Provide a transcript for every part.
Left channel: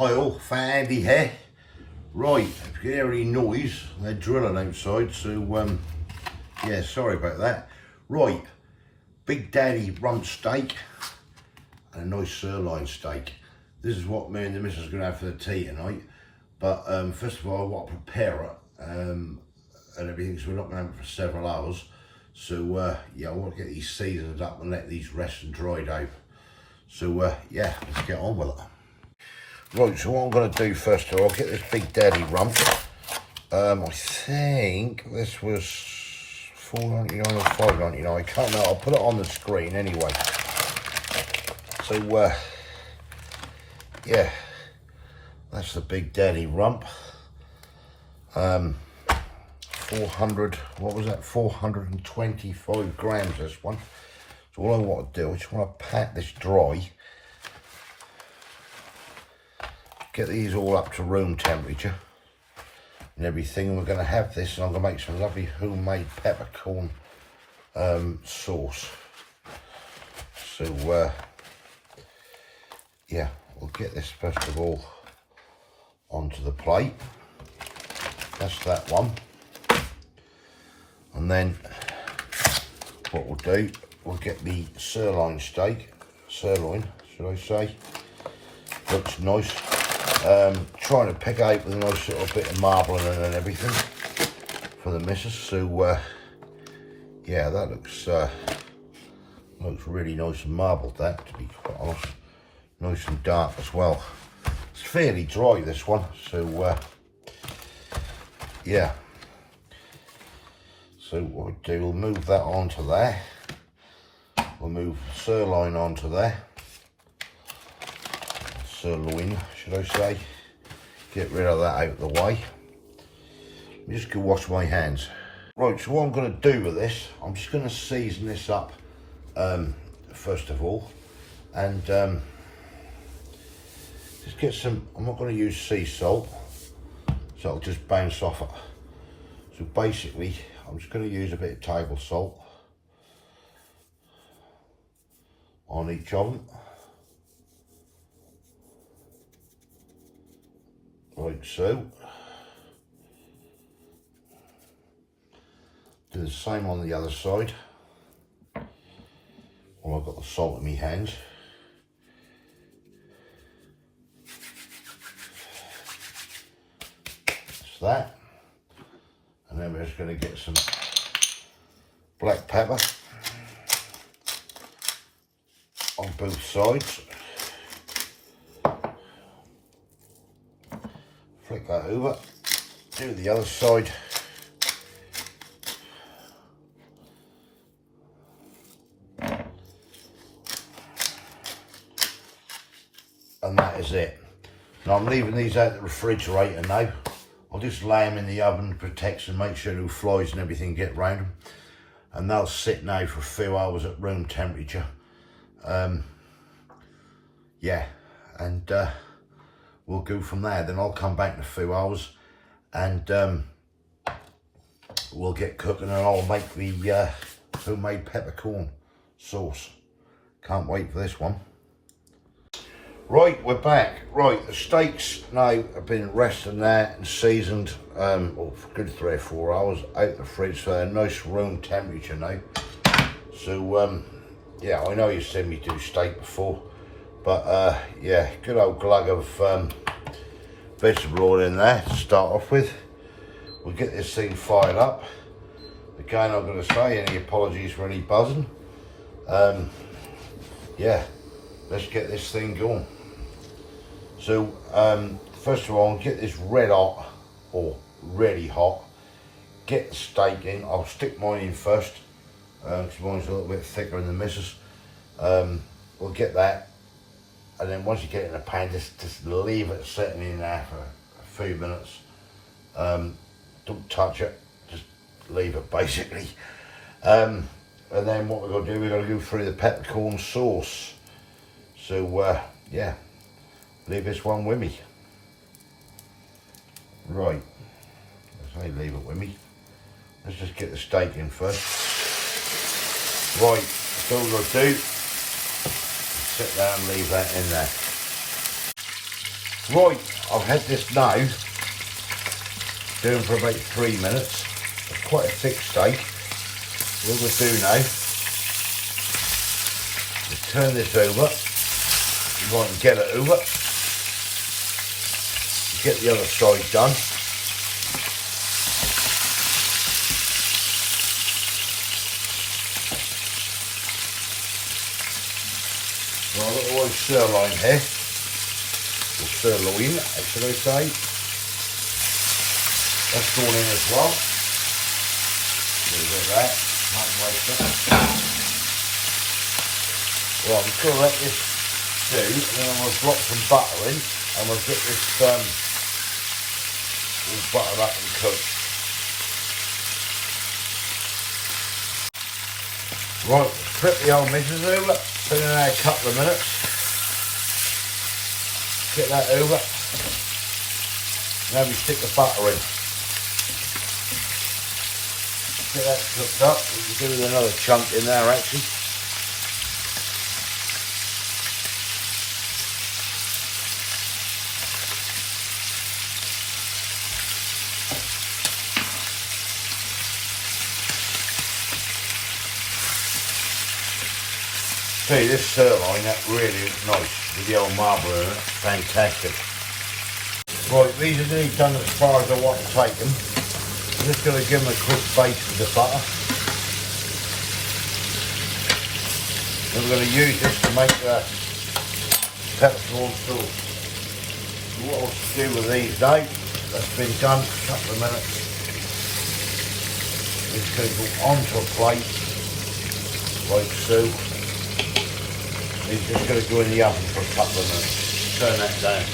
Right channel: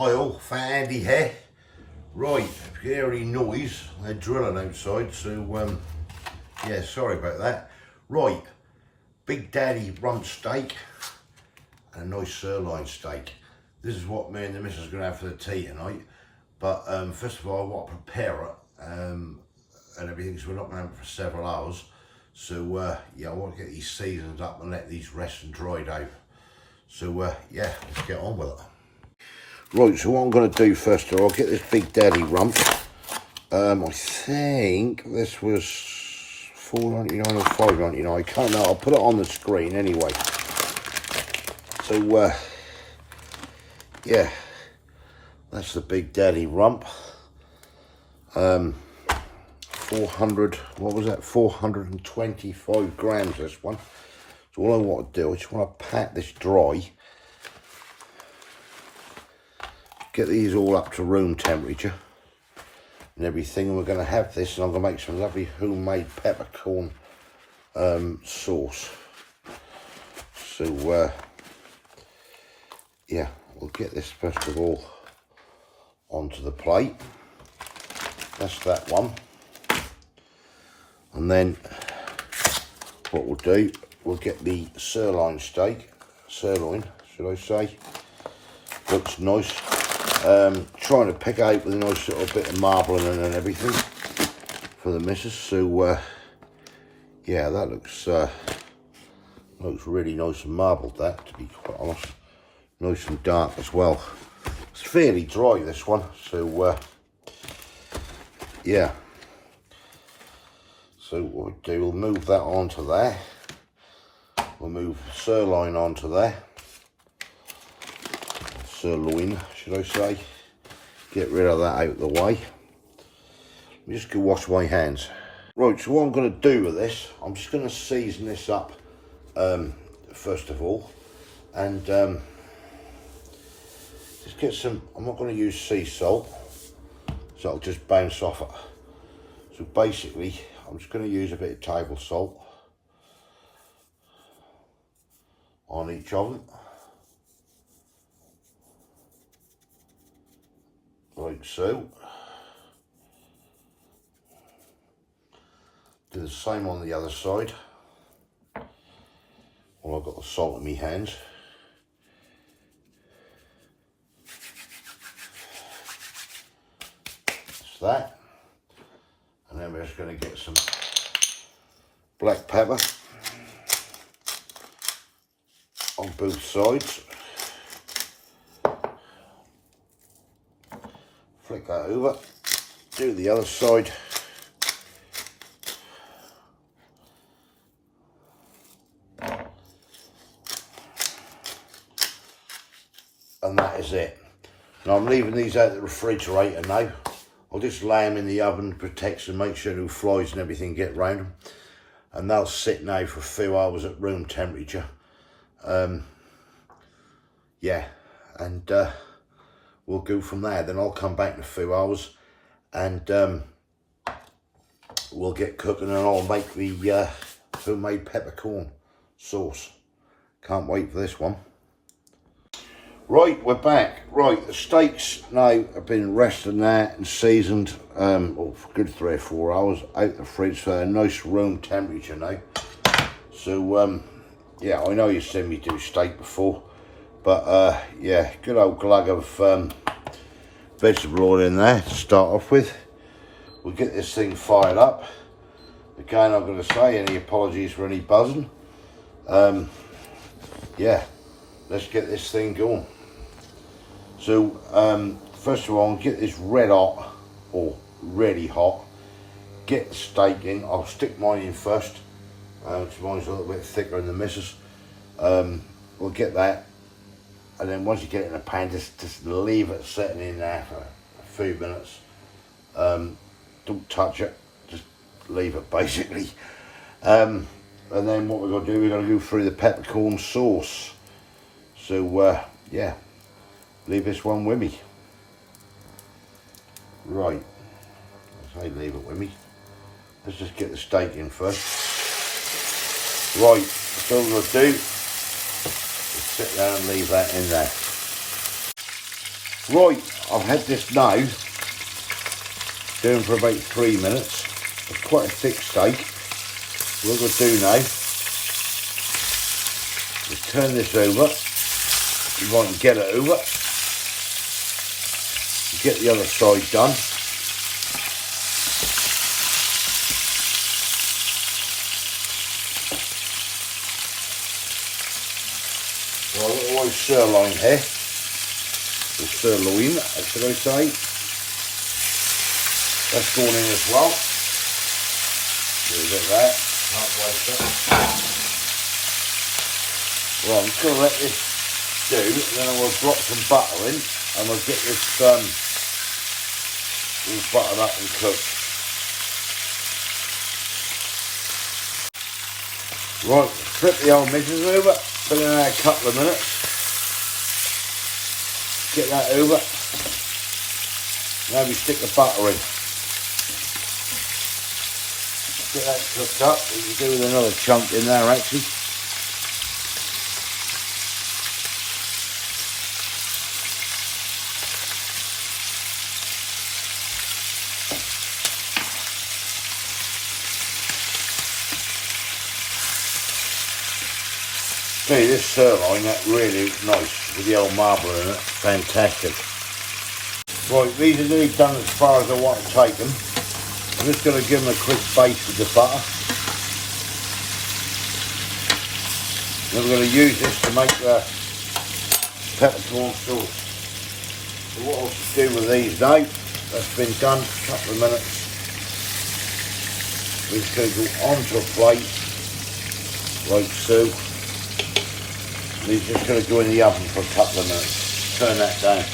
Hi, Fat Andy here. Right, if you can hear any noise, they're drilling outside, so yeah, sorry about that. Right, Big Daddy Rump Steak and a nice sirloin steak. This is what me and the missus are going to have for the tea tonight. But first of all, I want to prepare it and everything, so we're not going to have it for several hours. So yeah, I want to get these seasons up and let these rest and dry down. So yeah, let's get on with it. Right, so what I'm going to do first of all, I'll get this Big Daddy rump. I think this was $4.99 or $5.99, I can't know, I'll put it on the screen anyway. So yeah, that's the Big Daddy rump. 400, what was that, 425 grams this one. So all I want to do, I just want to pat this dry. Get these all up to room temperature and everything. We're going to have this, and I'm going to make some lovely homemade peppercorn sauce. So yeah, we'll get this first of all onto the plate. That's that one. And then what we'll do, we'll get the sirloin steak, should I say. Looks nice. Trying to pick out with a nice sort of bit of marbling and everything for the missus. So yeah, that looks really nice and marbled, that, to be quite honest. Nice and dark as well. It's fairly dry, this one, so yeah. So what we'll do, we'll move that onto there. We'll move sirloin onto there. Sirloin, should I say. Get rid of that out of the way. Let me just go wash my hands. Right, so what I'm going to do with this, I'm just going to season this up first of all. And just get some, I'm not going to use sea salt, so it'll just bounce off it. So basically, I'm just going to use a bit of table salt on each of them. Like so. Do the same on the other side. Well, I've got the salt in my hands. That's that. And then we're just going to get some black pepper on both sides. Flick that over, do the other side. And that is it. Now I'm leaving these out of the refrigerator now. I'll just lay them in the oven, protect them, make sure no flies and everything get round them. And they'll sit now for a few hours at room temperature. Yeah, and we'll go from there. Then I'll come back in a few hours and we'll get cooking, and I'll make the homemade peppercorn sauce. Can't wait for this one. Right, we're back. Right, the steaks now have been resting there and seasoned for a good 3 or 4 hours out the fridge for a nice room temperature now. So yeah, I know you've seen me do steak before, but yeah, good old glug of vegetable oil in there to start off with. We'll get this thing fired up. Again, I'm going to say any apologies for any buzzing. Yeah, let's get this thing going. So first of all, I'll get this red hot, or really hot. Get the steak in. I'll stick mine in first. Mine's a little bit thicker than the missus. We'll get that, and then once you get it in a pan, just leave it sitting in there for a few minutes. Don't touch it, just leave it basically. And then what we're going to do, we're going to go through the peppercorn sauce. So yeah, leave this one with me. Right, I say leave it with me. Let's just get the steak in first. Right, so what we're going to do, sit down and leave that in there. Right, I've had this now doing for about 3 minutes. It's quite a thick steak. What we'll do now is turn this over. You want to get it over. Get the other side done. Well, a little white sirloin here. The sirloin, should I say. That's going in as well. A little bit of that. Might waste it. Well, I'm just going to let this do, and then we'll drop some butter in, and we'll get this all buttered up and cooked. Right, flip the old mixers over, put it in there a couple of minutes. Get that over. Now we stick the butter in. Get that cooked up. We can do with another chunk in there actually. See, this sirloin, that really is nice with the old marble in it. Fantastic. Right, these are nearly done as far as I want to take them. I'm just going to give them a quick baste with the butter. We're going to use this to make the peppercorn sauce. So what I'll do with these now, that's been done for a couple of minutes. We're just going to go onto a plate, like so. These are just going to go in the oven for a couple of minutes. Turn that down.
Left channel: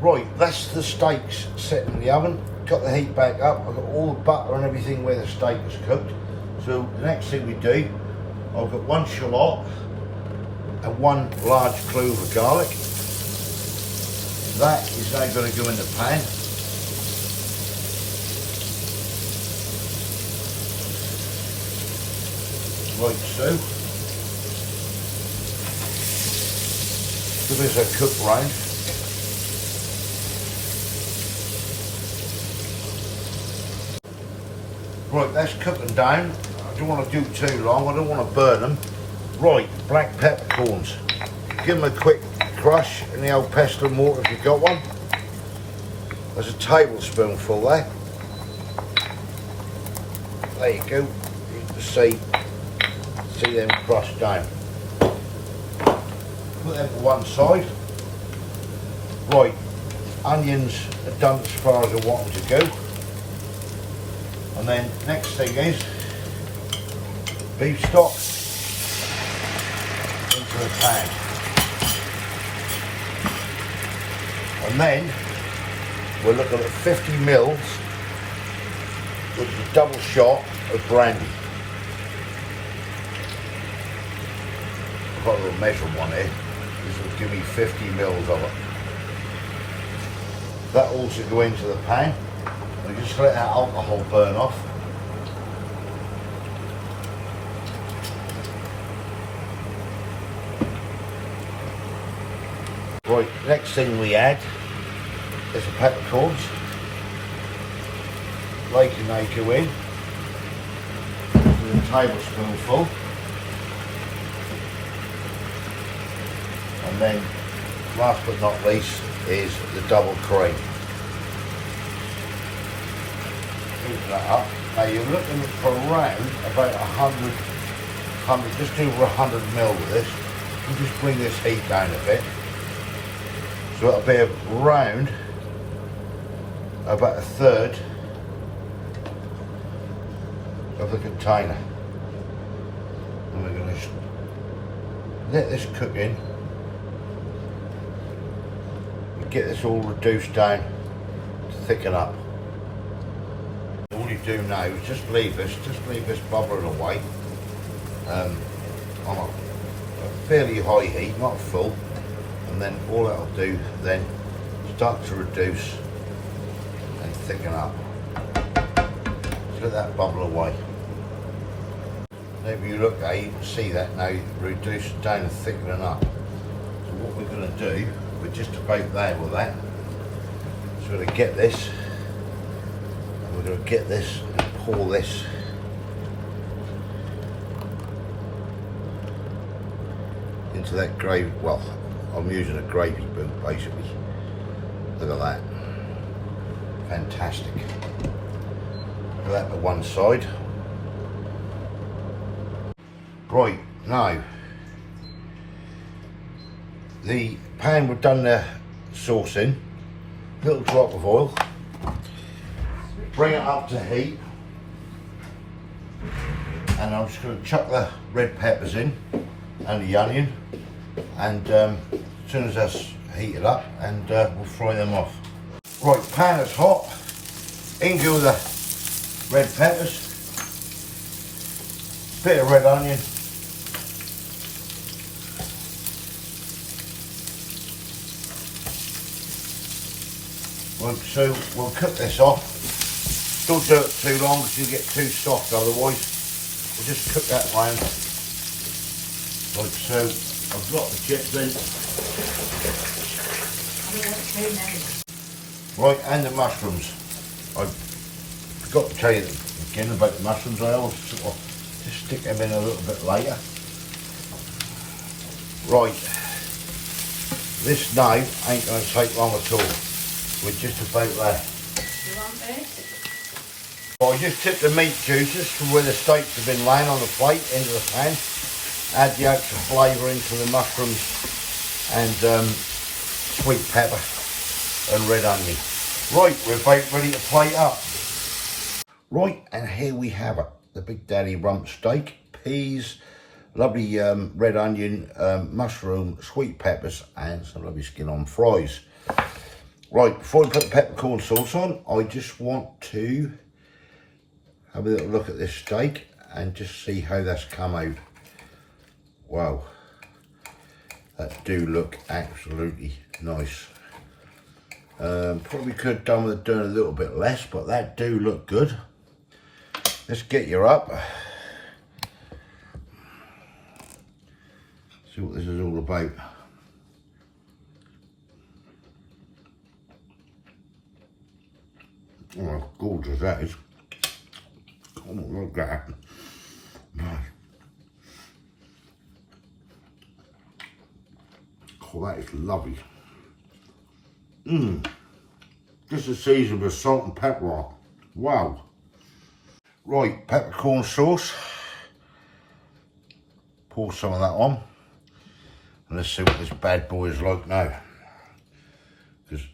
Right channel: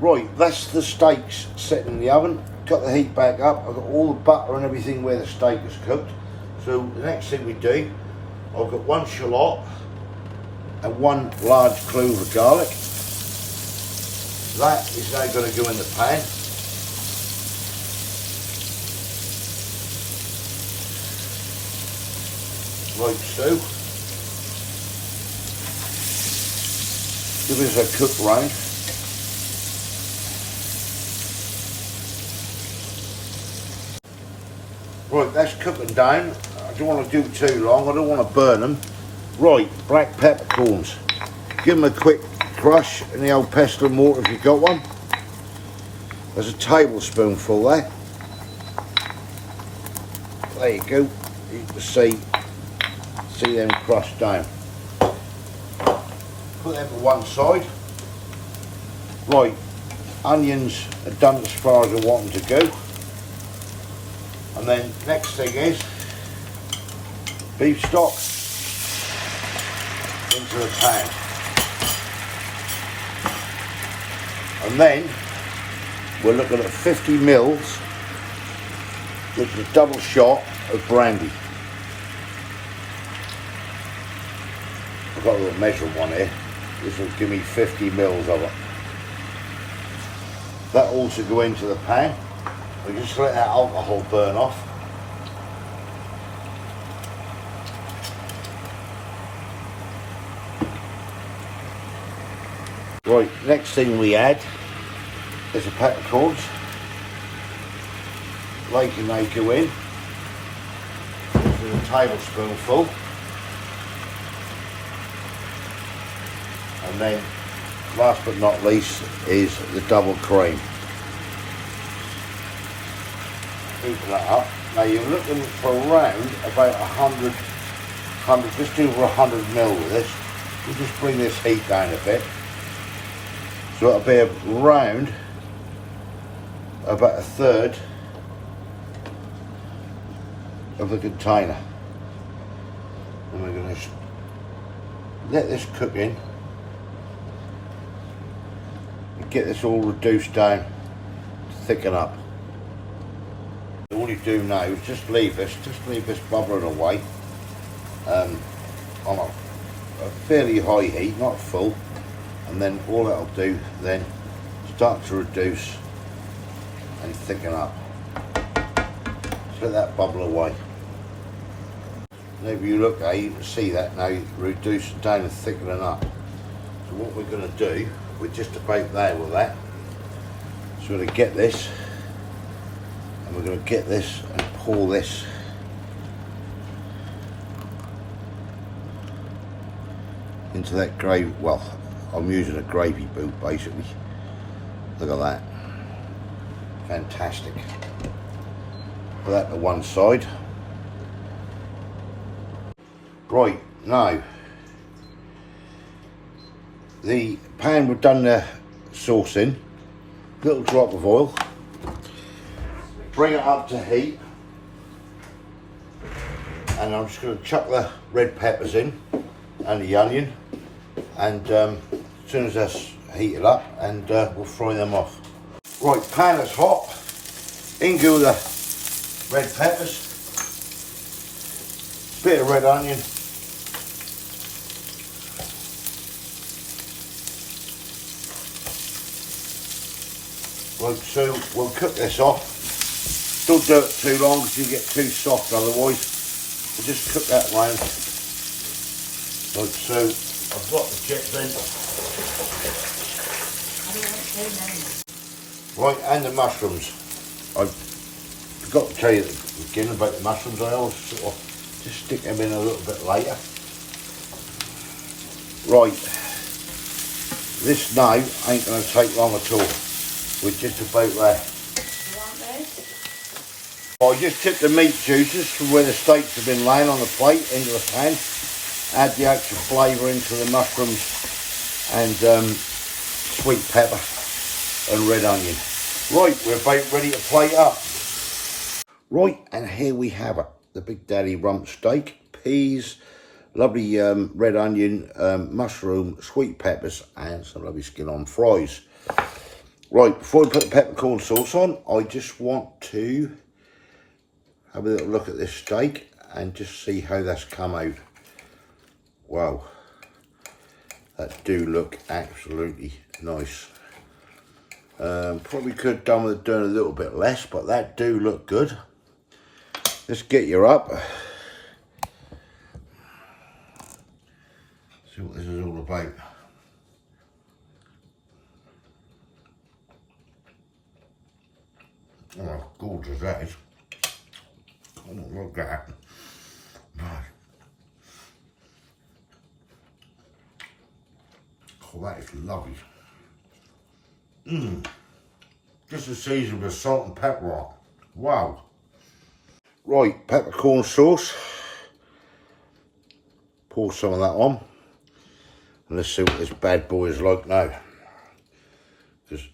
Right, that's the steaks set in the oven. Got the heat back up. I've got all the butter and everything where the steak is cooked. So the next thing we do, I've got 1 shallot and 1 large clove of garlic. That is now going to go in the pan. Like so. Give us a cook round. Right, that's cooking down. I don't want to do it too long, I don't want to burn them. Right, black peppercorns. Give them a quick crush in the old pestle mortar if you've got one. There's a tablespoonful there. There you go. You can see them crushed down. Put that to one side. Right, onions are done as far as I want them to go. And then next thing is beef stock into the pan. And then we're looking at 50 mils, which is a double shot of brandy. I've got a little measuring one here. This will give me 50 mils of it. That also go into the pan. And just let that alcohol burn off. Right, next thing we add is the peppercorns. Like you may go in. A tablespoonful. And then, last but not least, is the double cream. That up. Now you're looking for around about 100, just over 100 mil with this. We'll just bring this heat down a bit. So it'll be around about 1/3 of the container. And we're going to just let this cook in and get this all reduced down to thicken up. All you do now is just leave this bubbling away on a fairly high heat, not full, and then all that'll do then start to reduce and thicken up. Just let that bubble away. And if you look at it, you can see that now reducing down and thickening up. So what we're going to do, we're just about there with that. So we're going to get this, and we're going to get this and pour this into that gravy. Well, I'm using a gravy boot basically. Look at that. Fantastic. Put that to one side. Right, now, the pan we've done the sauce in, little drop of oil, bring it up to heat, and I'm just going to chuck the red peppers in and the onion, and as soon as that's heated up, and we'll fry them off. Right, pan is hot, in go the red peppers, bit of red onion, right, so we'll cook this off. Don't do it too long because you get too soft otherwise. We'll just cook that line. Right, so I've got the chips in. Right, and the mushrooms. I forgot to tell you at the beginning about the mushrooms. I always sort of just stick them in a little bit later. Right, this now ain't going to take long at all. We're just about there. I just took the meat juices from where the steaks have been laying on the plate into the pan. Add the extra flavour into the mushrooms and sweet pepper and red onion. Right, we're about ready to plate up. Right, and here we have it. The Big Daddy Rump Steak, peas, lovely red onion, mushroom, sweet peppers, and some lovely skin on fries. Right, before I put the peppercorn sauce on, I just want to have a little look at this steak and just see how that's come out. Wow, that do look absolutely nice. Probably could have done with doing a little bit less, but that do look good. Let's get you up. See what this is all about. Oh, how gorgeous that is. Come on, look at that. Oh, that is lovely. Just a season with salt and pepper. Wow. Right, peppercorn sauce. Pour some of that on. And let's see what this bad boy is like now. Because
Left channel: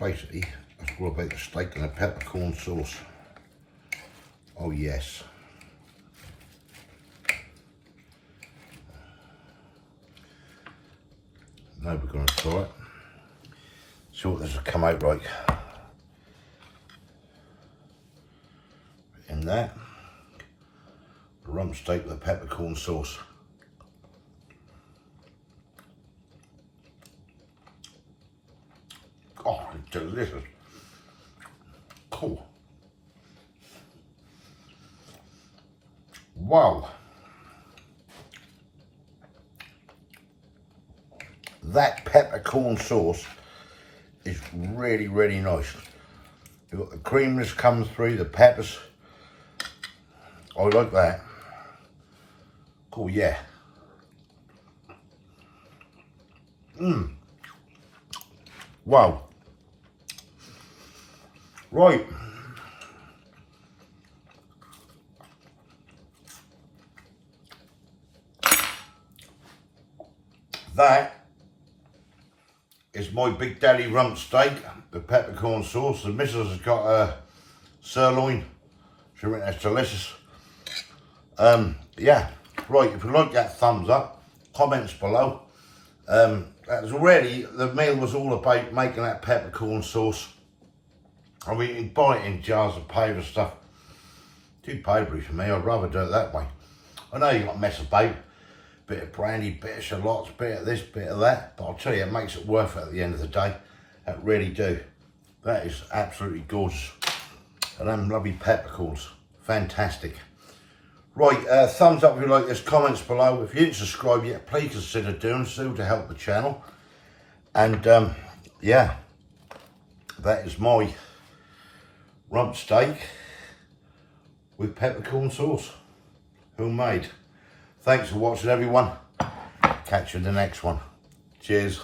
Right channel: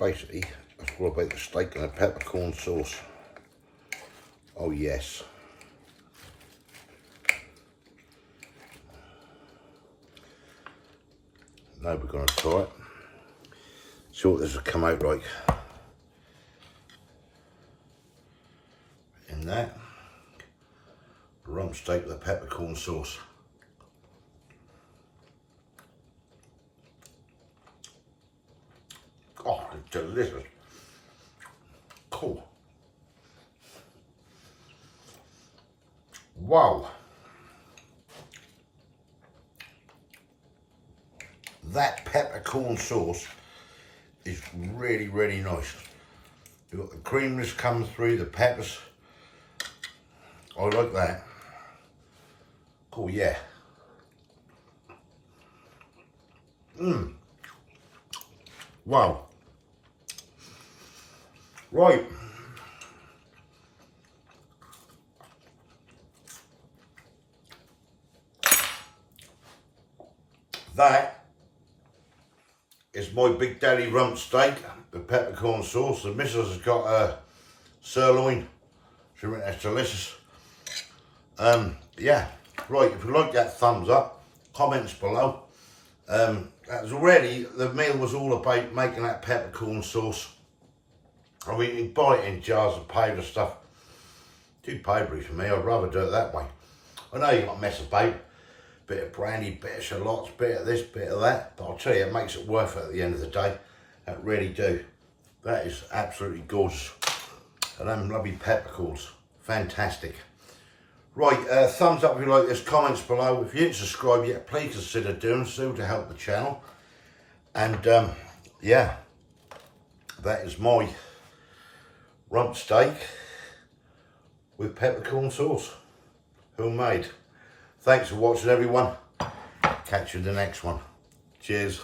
basically, that's all about the steak and the peppercorn sauce. Oh yes. Now we're going to try it. See what this will come out like. In that, rump steak with peppercorn sauce. Oh, it's delicious. Cool. Wow. That peppercorn sauce is really, really nice. You've got the creaminess coming through, the peppers. I like that. Cool, yeah. Wow. Right. That is my Big Daddy Rump Steak with peppercorn sauce. The missus has got a sirloin. She reckons that's delicious. Yeah, right, if you like that, thumbs up, comments below. That was already, the meal was all about making that peppercorn sauce. I mean, you can buy it in jars of powder stuff. Too powdery for me, I'd rather do it that way. I know you've got to mess about. Bit of brandy, bit of shallots, bit of this, bit of that. But I'll tell you, it makes it worth it at the end of the day. That really do. That is absolutely gorgeous. And them lovely peppercorns. Fantastic. Right, thumbs up if you like this, comments below. If you didn't subscribe yet, please consider doing so to help the channel. And yeah, that is my rump steak with peppercorn sauce, homemade. Thanks for watching, everyone. Catch you in the next one. Cheers.